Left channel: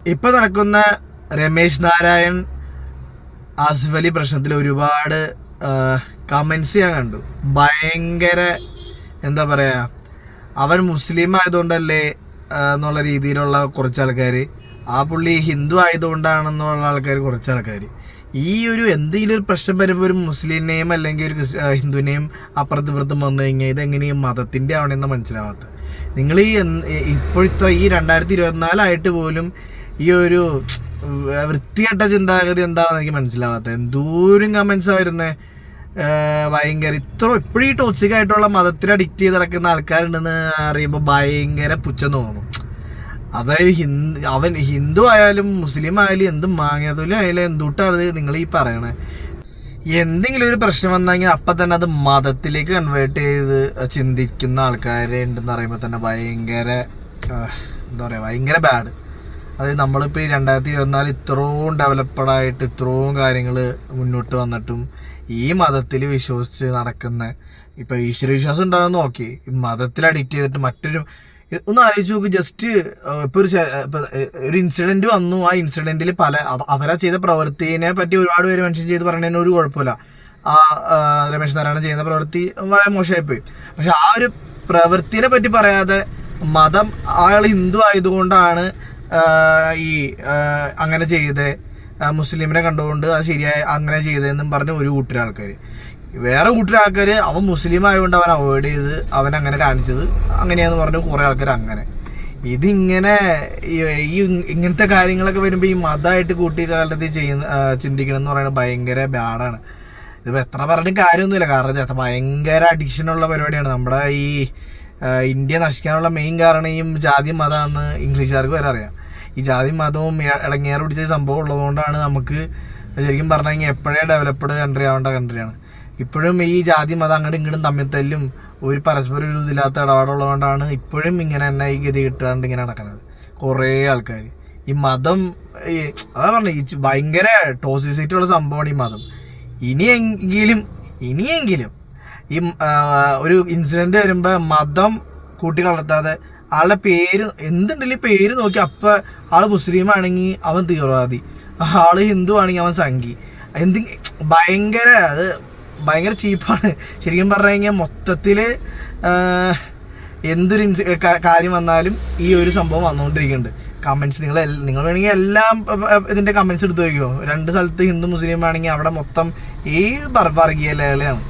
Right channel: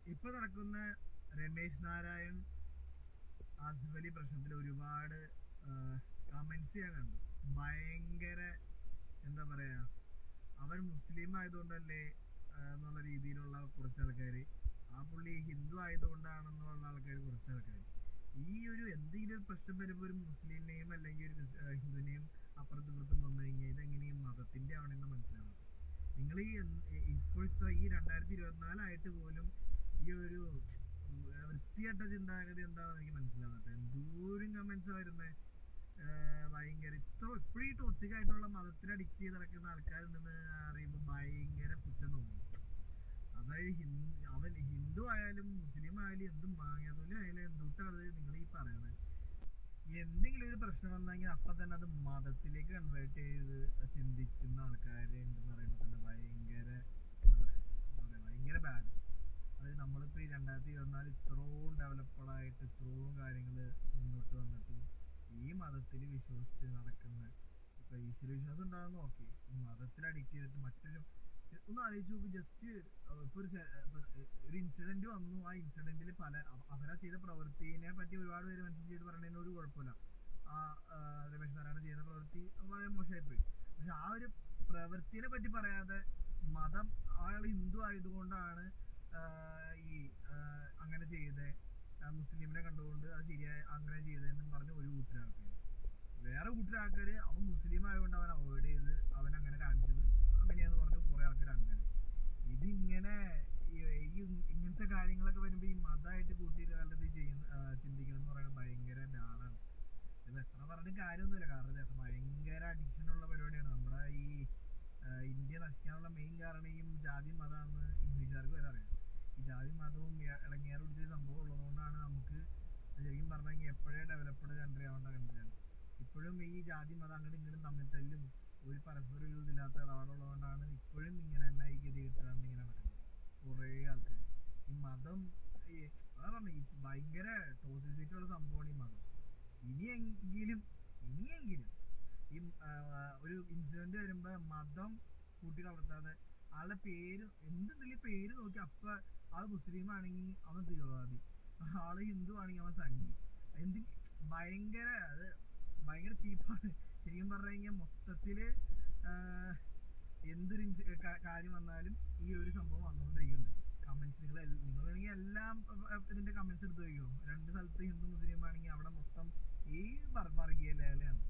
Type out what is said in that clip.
ഇപ്പൊ നടക്കുന്ന രമേശ് നാരായൺ ആസിഫ് പ്രശ്നത്തിൽ ഒരുപാട് കമന്റ്സ് ഞാൻ കണ്ടു. ഭയങ്കര എന്താ പറയാ അവൻ മുസ്ലിം ആയതുകൊണ്ടല്ലേ എന്നുള്ള രീതിയിലുള്ള കുറച്ച് ആൾക്കാർ ആ പുള്ളി ഹിന്ദു ആയതുകൊണ്ടാണെന്നുള്ള ആൾക്കാർ കുറച്ച് ആൾക്കാർ ഈ ഒരു എന്തെങ്കിലും ഒരു പ്രശ്നം വരുമ്പോൾ ഒരു മുസ്ലിമിനെയും അല്ലെങ്കിൽ ഒരു ഹിന്ദുവിനെയും അപ്പുറത്ത് ഇപ്പുറത്തും വന്നു കഴിഞ്ഞാൽ ഇതെങ്ങനെയും മതത്തിന്റെ ആവണമെന്ന് മനസ്സിലാവാത്ത. നിങ്ങൾ ഈ ഇപ്പോഴത്തെ ഈ രണ്ടായിരത്തി ഇരുപത്തിനാലായിട്ട് പോലും ഈ ഒരു വൃത്തികെട്ട ചിന്താഗതി എന്താണെന്ന് എനിക്ക് മനസ്സിലാവാത്തത് എന്തോരം കമന്റ്സ് വരുന്നത് ഭയങ്കര ഇത്ര ഇപ്പോഴും ഈ ടോക്സിക് ആയിട്ടുള്ള മതത്തിൽ അഡിക്റ്റ് ചെയ്ത് നടക്കുന്ന ആൾക്കാരുണ്ടെന്ന് അറിയുമ്പോൾ ഭയങ്കര പുച്ഛം തോന്നും. അതായത് ഹിന്ദു അവൻ ഹിന്ദു ആയാലും മുസ്ലിം ആയാലും എന്ത് മാങ്ങാതൊലി ആയാലും എന്തുട്ടാണ് നിങ്ങൾ ഈ പറയണേ? എന്തെങ്കിലും ഒരു പ്രശ്നം വന്നെങ്കിൽ അപ്പം തന്നെ അത് മതത്തിലേക്ക് കൺവേർട്ട് ചെയ്ത് ചിന്തിക്കുന്ന ആൾക്കാരെ ഉണ്ടെന്ന് പറയുമ്പോൾ തന്നെ ഭയങ്കര എന്താ പറയുക ഭയങ്കര ബാഡ് അതായത് നമ്മളിപ്പോൾ ഈ രണ്ടായിരത്തി ഇരുപത്തിനാല് ഇത്രയും ഡെവലപ്ഡ് ആയിട്ട് ഇത്രയും കാര്യങ്ങൾ മുന്നോട്ട് വന്നിട്ടും ഈ മതത്തിൽ വിശ്വസിച്ച് നടക്കുന്ന ഇപ്പൊ ഈശ്വരവിശ്വാസം ഉണ്ടാകുന്ന നോക്കി. മതത്തിൽ അഡിക്റ്റ് ചെയ്തിട്ട് മറ്റൊരു ഒന്ന് ആലോചിച്ച് നോക്ക് ജസ്റ്റ് ഇപ്പൊ ഒരു ഒരു ഇൻസിഡന്റ് വന്നു. ആ ഇൻസിഡന്റിൽ പല അവരാ ചെയ്ത പ്രവൃത്തിനെ പറ്റി ഒരുപാട് പേര് മെൻഷൻ ചെയ്ത് പറയുന്നതിന് ഒരു കുഴപ്പമില്ല. ആ രമേശ് നാരായണൻ ചെയ്യുന്ന പ്രവൃത്തി വളരെ മോശമായിപ്പോയി. പക്ഷെ ആ ഒരു പ്രവൃത്തിനെ പറ്റി പറയാതെ മതം ആൾ ഹിന്ദു ആയതുകൊണ്ടാണ് ഈ അങ്ങനെ ചെയ്ത്. മുസ്ലിമിനെ കണ്ടുകൊണ്ട് അത് ശരിയായി അങ്ങനെ ചെയ്തതെന്നും പറഞ്ഞ് ഒരു കൂട്ടർ ആൾക്കാർ വേറെ കൂട്ടർ ആൾക്കാർ അവൻ മുസ്ലിം ആയതുകൊണ്ട് അവൻ അവോയ്ഡ് ചെയ്ത് അവൻ അങ്ങനെ കാണിച്ചത് അങ്ങനെയാന്ന് പറഞ്ഞു കുറേ ആൾക്കാർ അങ്ങനെ. ഇതിങ്ങനെ ഈ- ഇങ്ങനത്തെ കാര്യങ്ങളൊക്കെ വരുമ്പോൾ ഈ മതമായിട്ട് കൂട്ടി കാലത്ത് ചെയ്യുന്ന ചിന്തിക്കണമെന്ന് പറയുന്നത് ഭയങ്കര ബാഡാണ് ഇതിപ്പോൾ എത്ര പറഞ്ഞിട്ടും കാര്യമൊന്നുമില്ല. കാരണം ഇത് ഭയങ്കര അഡിക്ഷനുള്ള പരിപാടിയാണ്. നമ്മുടെ ഈ ഇന്ത്യ നശിക്കാനുള്ള മെയിൻ കാരണം ഈ ജാതി മതമാണെന്ന് ഇംഗ്ലീഷുകാർക്ക് വരെ അറിയാം. ഈ ജാതി മതവും ഇടങ്ങേറ് പിടിച്ച സംഭവം ഉള്ളതുകൊണ്ടാണ് നമുക്ക് ശരിക്കും പറഞ്ഞു കഴിഞ്ഞാൽ എപ്പോഴേ ഡെവലപ്ഡ് കൺട്രി ആവേണ്ട കൺട്രിയാണ് ഇപ്പോഴും ഈ ജാതി മതം അങ്ങോട്ടും ഇങ്ങോട്ടും തമ്മിൽ തല്ലും ഒരു പരസ്പര ഒരു ഇതില്ലാത്ത ഇടപാടുള്ളതുകൊണ്ടാണ് ഇപ്പോഴും ഇങ്ങനെ തന്നെ ഈ ഗതി കിട്ടാണ്ട് ഇങ്ങനെ നടക്കുന്നത്. കുറേ ആൾക്കാർ ഈ മതം ഈ അതാ പറഞ്ഞു ഈ ഭയങ്കര ടോസിസിറ്റി ഉള്ള സംഭവമാണ് ഈ മതം. ഇനിയെങ്കിലും ഇനിയെങ്കിലും ഈ ഒരു ഇൻസിഡന്റ് വരുമ്പോൾ മതം കൂട്ടി കലർത്താതെ ആളുടെ പേര് എന്തുണ്ടെങ്കിലും പേര് നോക്കി അപ്പം ആൾ മുസ്ലിം ആണെങ്കിൽ അവൻ തീവ്രവാദി. ആൾ ഹിന്ദു ആണെങ്കിൽ അവൻ സംഘി. എന്ത് ഭയങ്കര അത് ഭയങ്കര ചീപ്പാണ്. ശരിക്കും പറഞ്ഞു കഴിഞ്ഞാൽ മൊത്തത്തിൽ എന്തൊരു കാര്യം വന്നാലും ഈ ഒരു സംഭവം വന്നുകൊണ്ടിരിക്കുന്നുണ്ട് കമൻസ് നിങ്ങൾ നിങ്ങൾ വേണമെങ്കിൽ എല്ലാം ഇതിന്റെ കമൻസ് എടുത്ത് വയ്ക്കുമോ രണ്ട് സ്ഥലത്ത് ഹിന്ദു മുസ്ലിം ആണെങ്കിൽ അവിടെ മൊത്തം ഈ വർഗീയ ലേളയാണ്.